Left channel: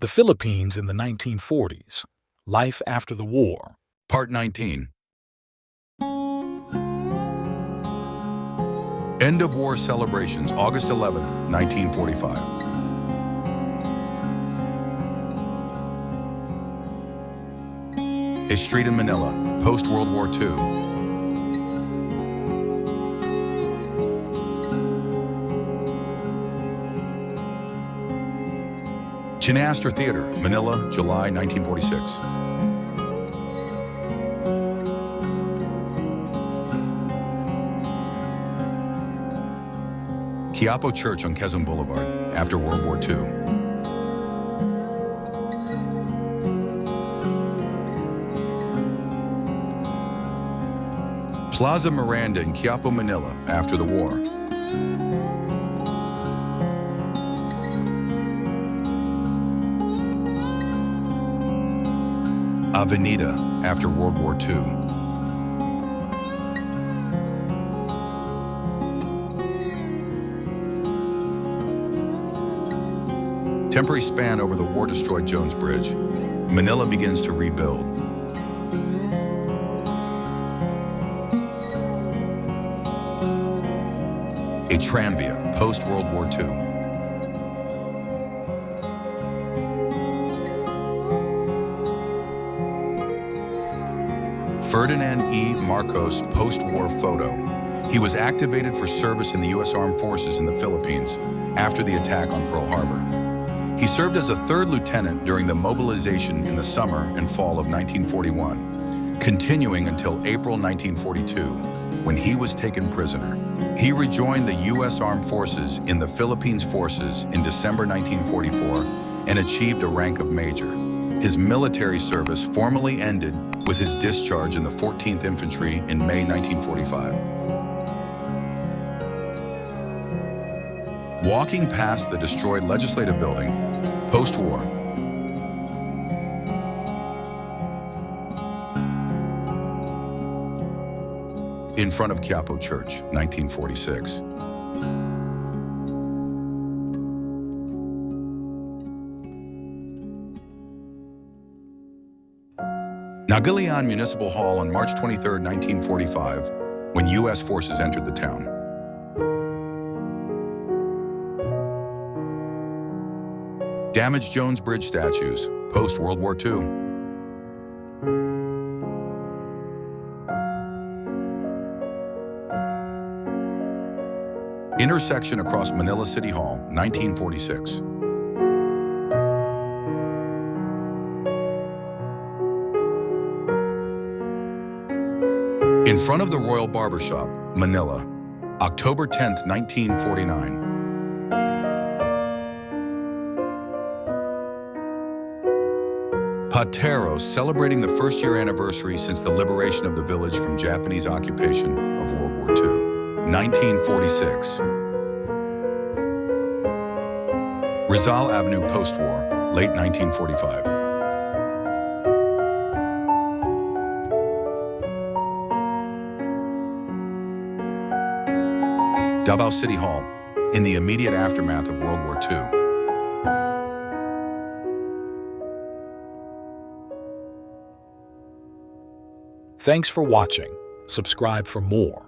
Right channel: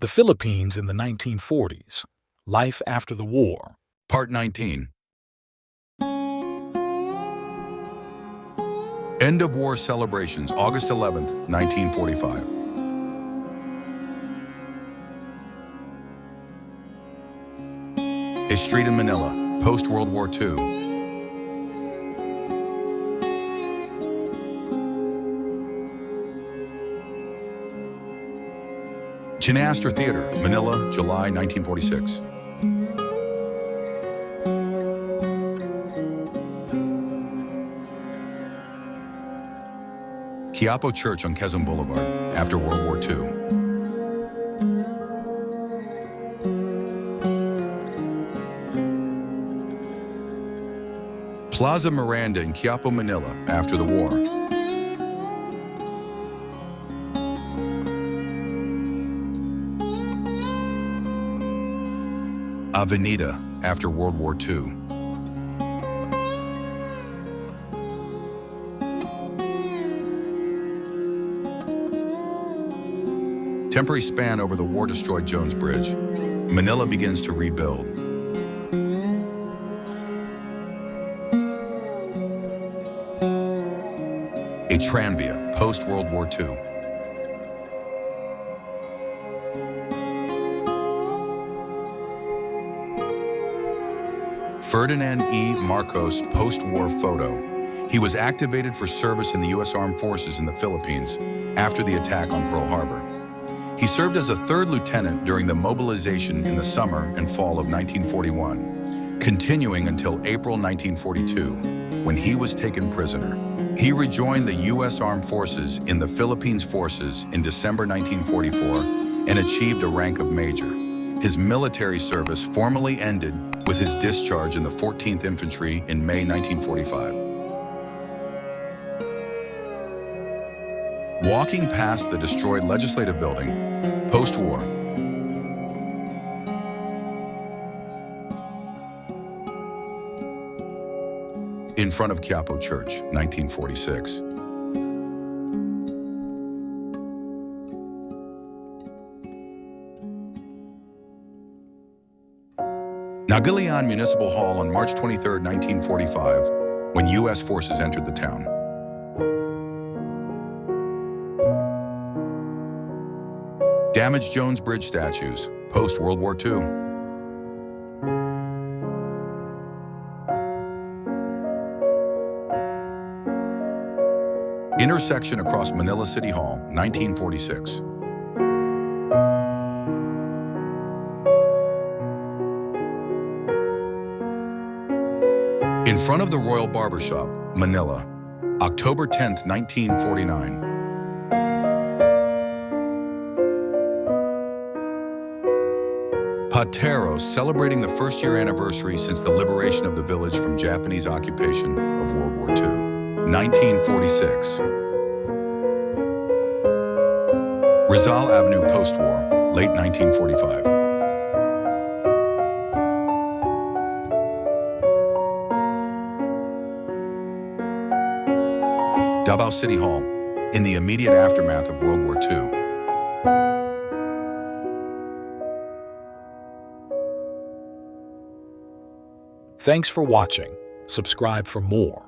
The Philippines in the 1940s. Life after the war. Part 19. End of war celebrations, August 11th, 1945. A street in Manila, post-World War II. Chinastra Theater, Manila, July 1946. Quiapo Church on Quezon Boulevard, after World War II. Plaza Miranda in Quiapo, Manila, after the war. Avenida, after World War II. Temporary span over the war-destroyed Jones Bridge. Manila begins to rebuild. A tranvia, post-World War II. Ferdinand E. Marcos post-war photo. He was activated for service in the U.S. Armed Forces in the Philippines after the attack on Pearl Harbor. He served as a third lieutenant during the mobilization in the summer and fall of 1941, continuing until April 1942, when he was taken prisoner. He rejoined the U.S. Armed Forces in the Philippines Forces in December 1944 and achieved a rank of major. His military service formally ended with his discharge in the 14th Infantry in May 1945. Walking past the destroyed legislative building, post-war. In front of Quiapo Church, 1946. Nagilian Municipal Hall on March 23, 1945, when U.S. forces entered the town. Damaged Jones Bridge statues, post-World War II. Intersection across Manila City Hall, 1946. In front of the Royal Barbershop, Manila, October 10, 1949. Pateros celebrating the first-year anniversary since the liberation of the village from Japanese occupation of World War II, 1946. Rizal Avenue post-war, late 1945. Davao City Hall, in the immediate aftermath of World War II. Thanks for watching. Subscribe for more.